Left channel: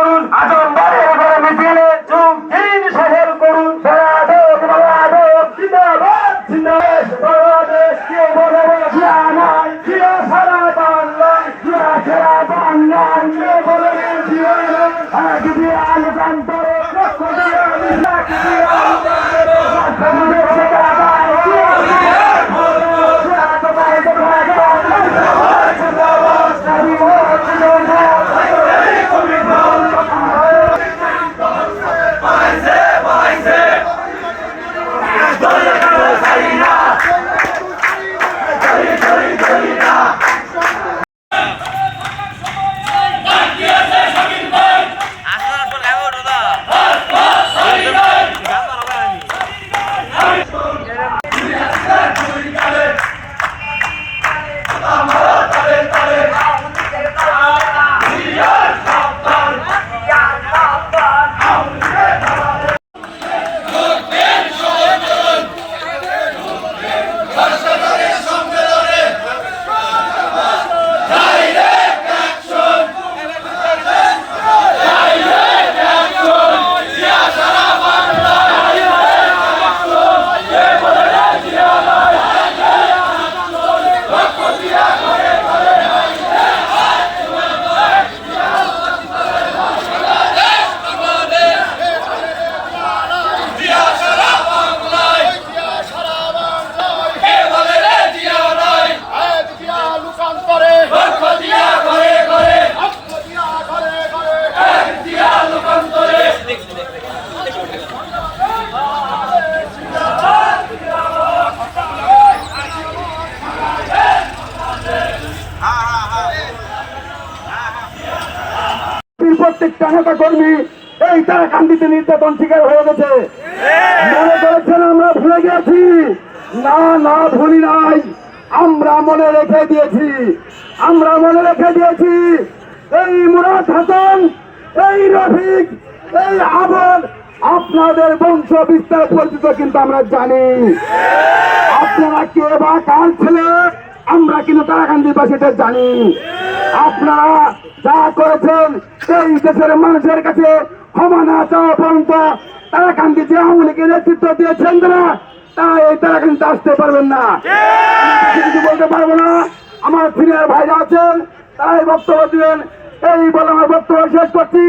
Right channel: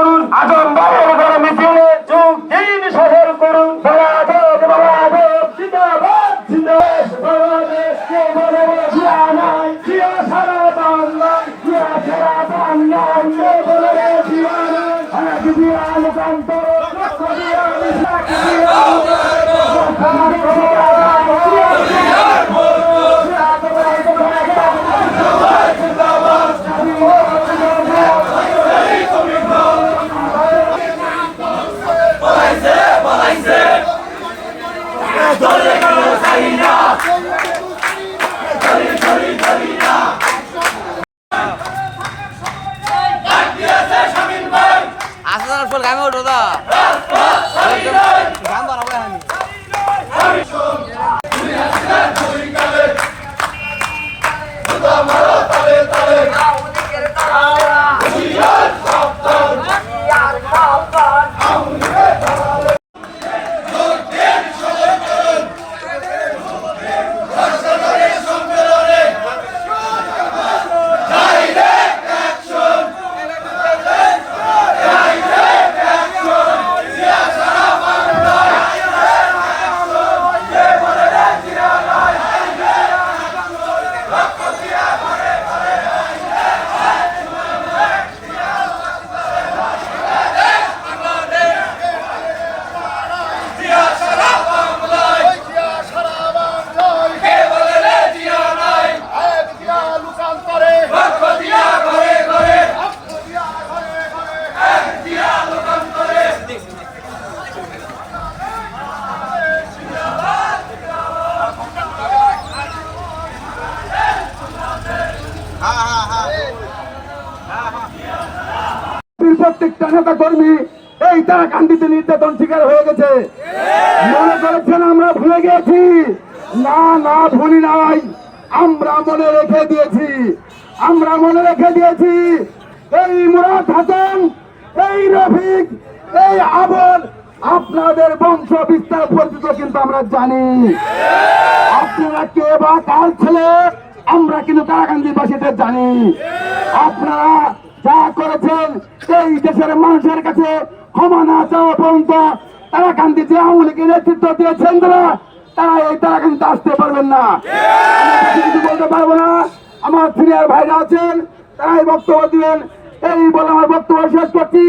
করুন আজম বাড়ির ঘরে মিছিলে যোগ দিন সফল করুন। বাবাদব বাবাদব জিন্দাবাদ জিন্দাবাদ বাবাদব কে বলে জিয়া নাই? জিয়া সারা বাংলায়, জিয়া সারা বাংলায়, কে বলে জিয়া নাই? এক জিয়া লোকান্তরে লক্ষ জিয়া প্রত্যেকটা নেতা কর্মী এই তারা কান্দিতে নির্যাতন শিকার হয়ে গেছে। মনে করেছেন আমরা ভুলে গেছি না না, ভুলি নাই। আমরা মনে রেখে দিয়েছি। আমরা মনে রেখে দিয়েছি, এই মুরাদ হাসান, এই রফিক, এই আবদ আপনাদের বংশ বিস্তার পরিচিত কিন্তু আমরা জানি। আপনারা কে বা কার ছেলে, আমরা কিন্তু তারাকান্দি বাসীটা জানি। আপনারা যা করেছেন এই দেশের মানুষের কাছে ক্ষমা না চাওয়া পর্যন্ত তারাকান্দি যে আওয়ামী নেতৃত্ব দিয়েছেন তারা তারা এই তারাকান্দিতে আসতে পারবেন না। কিছু বলতে পারব না। আমার সিনিয়র ভাইরা আছেন, তারাই বক্তব্য দিবেন। এই বলে আমার বক্তব্য শেষ করছি।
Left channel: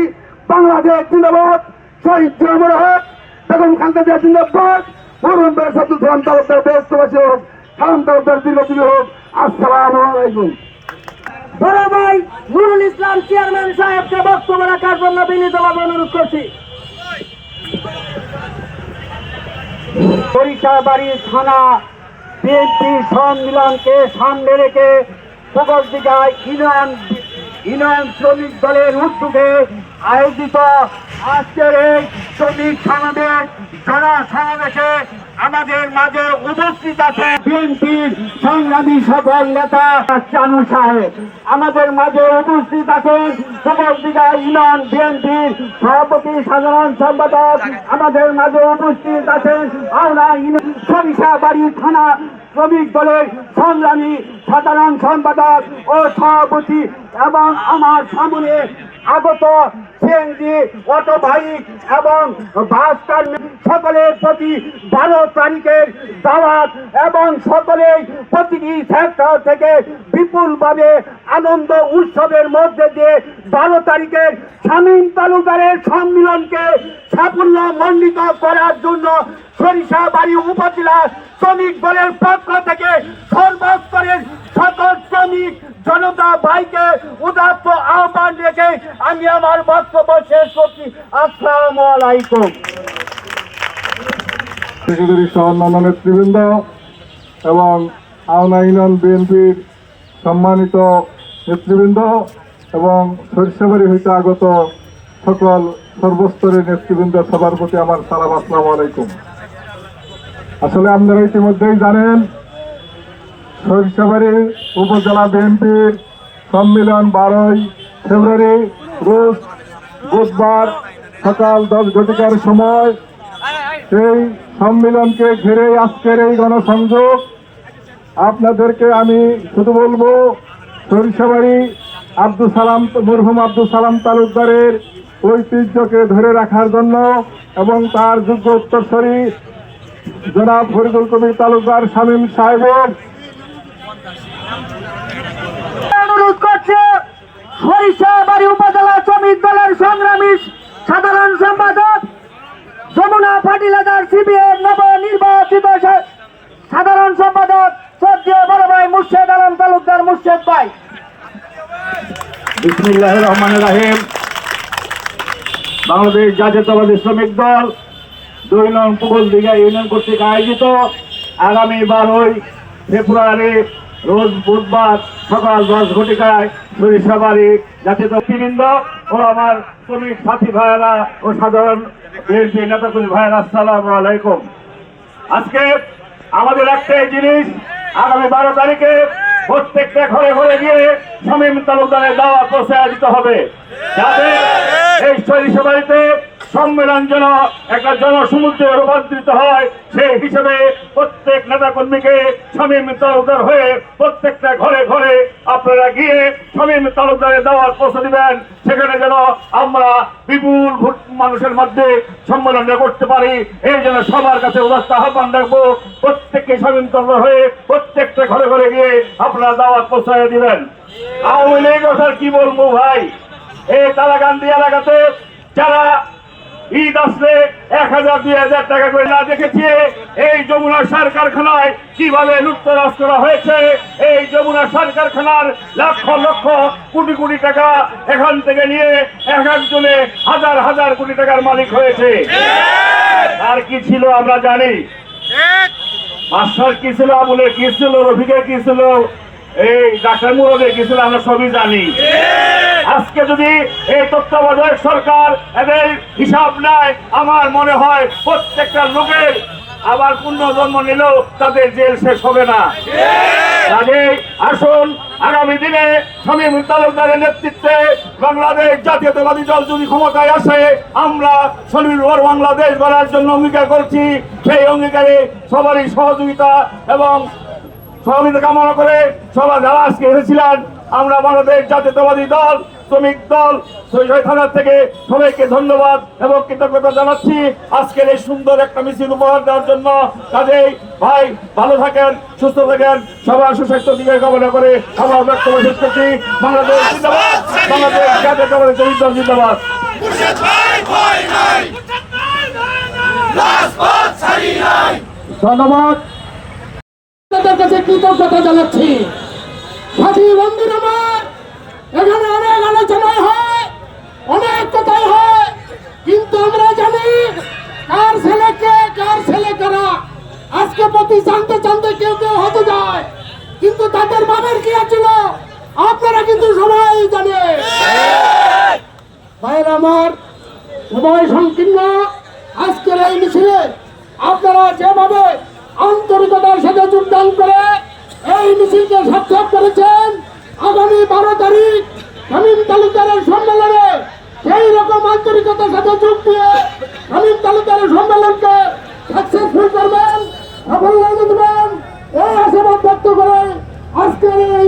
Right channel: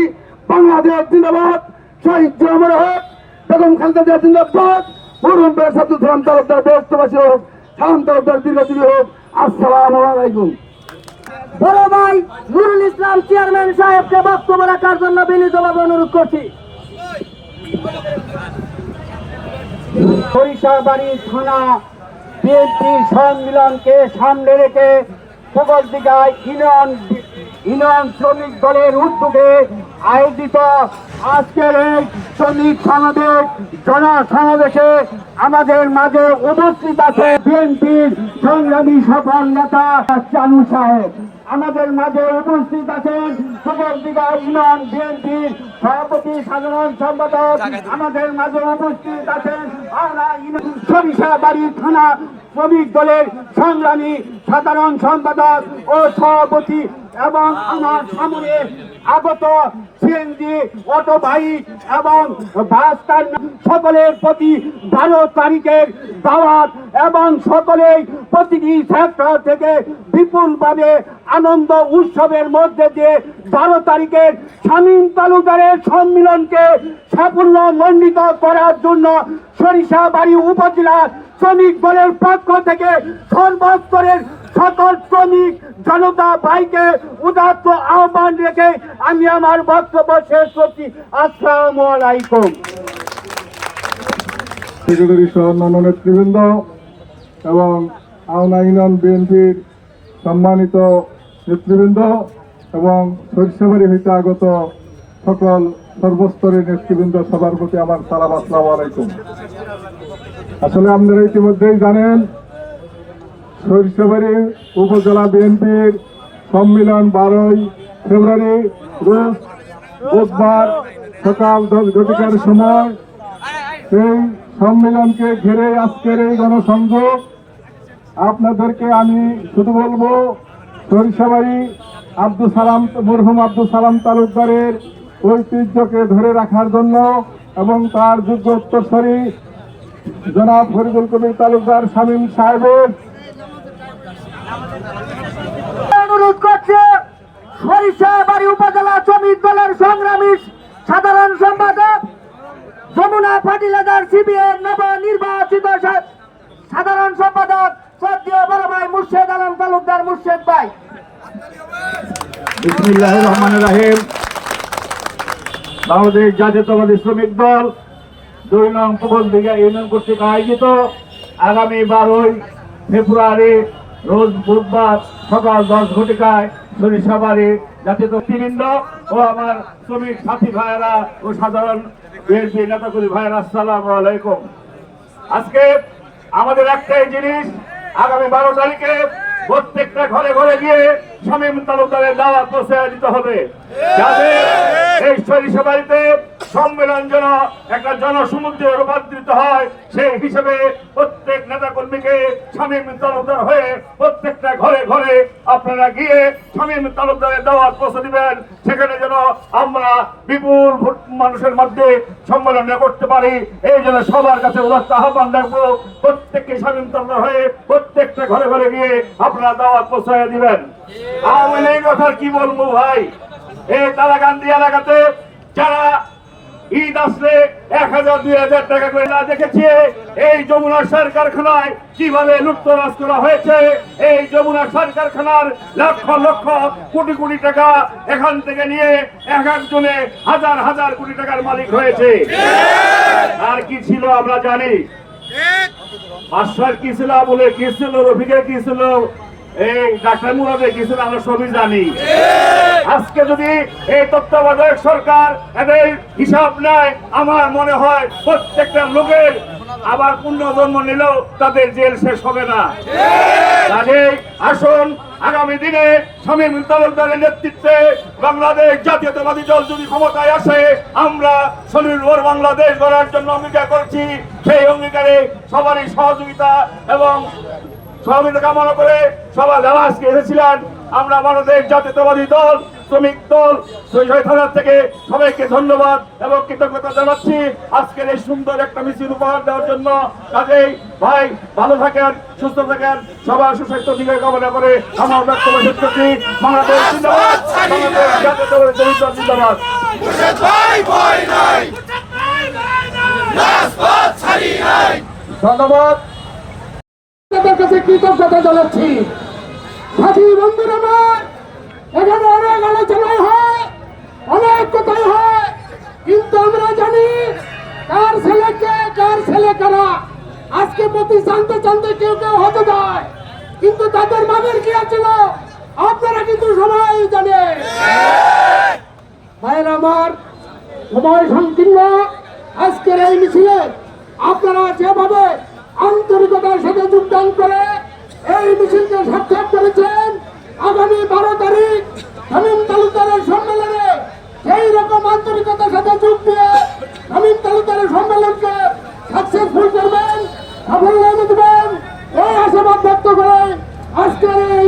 বাংলাদেশ জিন্দাবাদ। শহীদ জিয়ামুর হক, বেগম খালেদা জিন্দাবাদ। মরুন বেশ আব্দুল সালাম তালুকদার ব্যস্তবাসী হোক, সালাম তালুকদার দীর্ঘজীবী হোক। আসসালামু আলাইকুম। বড় ভাই নুরুল ইসলাম চেয়ারম্যান সাহেবকে বক্তব্য রাখার জন্য বিনীতভাবে অনুরোধ করছি। সরিষাবাড়ি থানা বিএনপি সম্মিলনকে সামনে রেখে দিঘায় ইউনিয়ন ইউনিয়ন শ্রমিক দলের উদ্যোগে আয়োজিত আজকের এই শ্রমিক সমাবেশ জনসমাবেশে আমাদের মাঝে উপস্থিত আছে বিএনপির সংগ্রামী সফল নেতা চানু সাহেব। আমাদের মাঝে উপস্থিত আছেন সুবর্দিকা ইউনিয়ন বিএনপির সভাপতি, সাধারণ সম্পাদক। আমাদের মাঝে উপস্থিত আছেন আওনা সরিষা বাড়ি থানা শ্রমিক দলের সংগ্রামী সাধারণ সম্পাদক ও সভাপতি এবং আমার সামনে আগত সিএনজি অটো বাইক এবং বাস সকলের প্রতি বারো তারিখের দাওয়াত এবং সকলেই প্রতিটি সেক্টর থেকে বিপুলভাবে আনন্দ উৎসবের মধ্যে দিয়ে বারো তারিখের শামীম তালুকারের সম্মিলনকে সাফল্য মণ্ডিত করার জন্য সরিষাবাড়ি উপজেলা শ্রমিক দলের পক্ষ থেকে সর্বস্তরের সকল শ্রমিক জনতা ভাইকে উদাত্ত আহ্বান রেখে আমি আমার বক্তব্য শেষ করছি। আসসালামু আলাইকুম। সেক্রেটারি সহ অন্যান্য নেতৃবৃন্দ এবং আওনা ইউনিয়ন বিএনপির সম্মানিত নেতৃবৃন্দ এবং সরিষাবাড়ি হইতে আগত সকল সর্বস্তরের নেতৃবৃন্দ, সবার প্রতি আমার সালাম, আসসালামু আলাইকুম। আসলে আপনারা ইতিমধ্যেই জানেন সরিষাবাড়ি উপজেলা বিএনপির সম্মেলন বারোই ফেব্রুয়ারি, রোজ বুধবার সকাল দশ ঘটিকার সময় সেই সম্মেলনকে ঘিরে আজকের এই গণসংযোগ। আপনাদেরকে আমি শুধু বলব, সরিষাবাড়ি আব্দুল সালাম, মরহুম আব্দুল সালাম তালুকদারের ঐতিহ্যকে ধরে রাখার জন্য এবং তার যোগ্য উত্তরসরী জনাব ফরিদুল কবির তালুকদার শামীম সাহেবের অনুরোধ করছে সরিষাবাড়ি উপজেলা শ্রমিক দলের সংগ্রামী সাধারণ সম্পাদক যমুনা ফাটিলাদার সিবিএর নবনির্বাচিত সাধারণ সম্পাদক শ্রদ্ধেয় বড় ভাই মুর্শেদ আলম তালুকদার মুর্শেদ ভাই। বিসমুল্লাহ রহমান রাহিম। বাংলাদেশ জাতীয়তাবাদী শ্রমিক দল দুই নং পুগল দিঘা ইউনিয়ন কর্তৃক আয়োজিত আগামী বারোই ফেব্রুয়ারি রোজ বুধবার সকাল দশ ঘটিকায় সরিষাবাড়ি জাতীয় বৃন্দ ও আমার শ্রমিক সাথী ভাইয়েরা ও সাধারণ বিএনপি নেতাকর্মী ভাইয়েরা সালাম আলাইকুম। আজকে আমাদের একটাই জিনিস, আগামী বারো তারিখে প্রত্যেকটা ঘরে ঘরে গিয়ে শামীম তালুকদারের দাওয়া পৌঁছে দিতে হবে। যাতে এই সরিষাবাড়িতে সম্মেলন যেন একটা জনসমুদ্রে রূপান্তরিত হয়, সেই হিসেবে প্রত্যেক নেতা কর্মীকে শামীম তালুকদার হয়ে প্রত্যেকটা ঘরে ঘরে আপনারা গিয়ে শামীম তালুকদারের দাওয়াত পৌঁছে দিবেন। সেখানে যেন আমরা বিপুল মানুষের মধ্যে সম্মেলন করতে পারি। এই জন্য সবার কাছে উদাস্ত আহ্বান রাখব, প্রত্যেককে শামীম তালুকদার হয়ে প্রত্যেকটা ঘরে ঘরে গিয়ে আপনারা দাওয়াত পৌঁছে দিবেন। আওয়ামী লীগ কথার কি বলব ভাই? এই তারাকান্দি এলাকাতে যারা ঈদ আসলে এক হাজার দুই হাজার টাকা করে না দেখেছি এই যমুনা সার কারখানায় কীভাবে লুপ্তরাজ করা হয়েছে এই যমুনা সার কারখানার লক্ষ লক্ষ কোটি কোটি টাকা এখান থেকে নিয়ে এক একজনে হাজার হাজার কোটি টাকার মালিক হয়েছে। আর কি ছিল আমরা জানি। মাস্টার কি ছিল আমলের কি ছিল রফিকের কি ছিল এই ডাক্তার মুরদের কি আমরা সবই জানি। আজকে যদি এই তত্ত্বাবধায়ক সরকার এদের হিসাব নেয়, আমার মনে হয় প্রত্যেকটা লোকের আবার পুনর্জন্ম নিলেও তাদের জেল শেষ হবে না। আসুন, আগামী দিনে শামীম তালুকদারের নেতৃত্বে বাংলাদেশ জাতীয়তাবাদী দল যদি ক্ষমতায় আসে, আমরা স্বনির্ভর বাংলাদেশ গড়ার জন্য অঙ্গীকার করছি। সেই অঙ্গীকারে সবারই সহযোগিতা এবং সহযোগিতা কামনা করে সবার যারা আজকে এসেছিলেন আমরা বাংলাদেশ জাতীয়তাবাদী দল শ্রমিক দল থানার থেকে সবাইকে ধন্যবাদ এবং কৃতজ্ঞতা জানাচ্ছি আজকের এই সুন্দর একটা মিছিল উপহার দেওয়ার জন্য। কাজেই ভাই ভালো থাকেন সুস্থ থাকেন সবার সুস্বাস্থ্য দিকে কামনা করে আমার বক্তব্য শেষ করছি। বাংলাদেশ জিন্দাবাদ জিন্দাবাদ। ধন্যবাদ। আপনাদের কাছে কৃতজ্ঞতা জানাচ্ছি। সাথী বন্ধুরা আমার, এখানে অনেক আলোচনাই হয়, অনেক কথাই হয়, কিন্তু আমরা জানি কার ছেলেকে কার ছেলে কারা। আজকে প্রতি জানতে জানতে কেউ কেউ হতে যায়, কিন্তু তাদের বাবার কি ছিল আপনারা কিন্তু সবাই জানে ভাইয়ের আমার, সময় সংকীর্ণ, আজকের এই মিছিলে আপনারা যেভাবে আন্তরিকতার সাথে যোগদান করে এই মিছিলকে সার্থক করেছেন আগামী বারো তারিখ শামীম তালুকদারের সম্মেলনে। সেই রকম আন্তরিকতার সাথে যোগ দিয়ে শামীম তালুকদারের সম্মেলনকে সাকসেসফুল করবেন সাফল্য এনে দেবেন এই আশাবাদ ব্যক্ত করে আজকের এই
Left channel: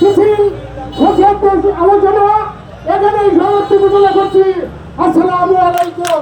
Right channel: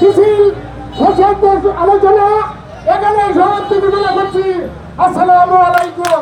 মিছিল আলোচনা এখানে সমাপ্তি ঘোষণা করছি। আসসালামু আলাইকুম।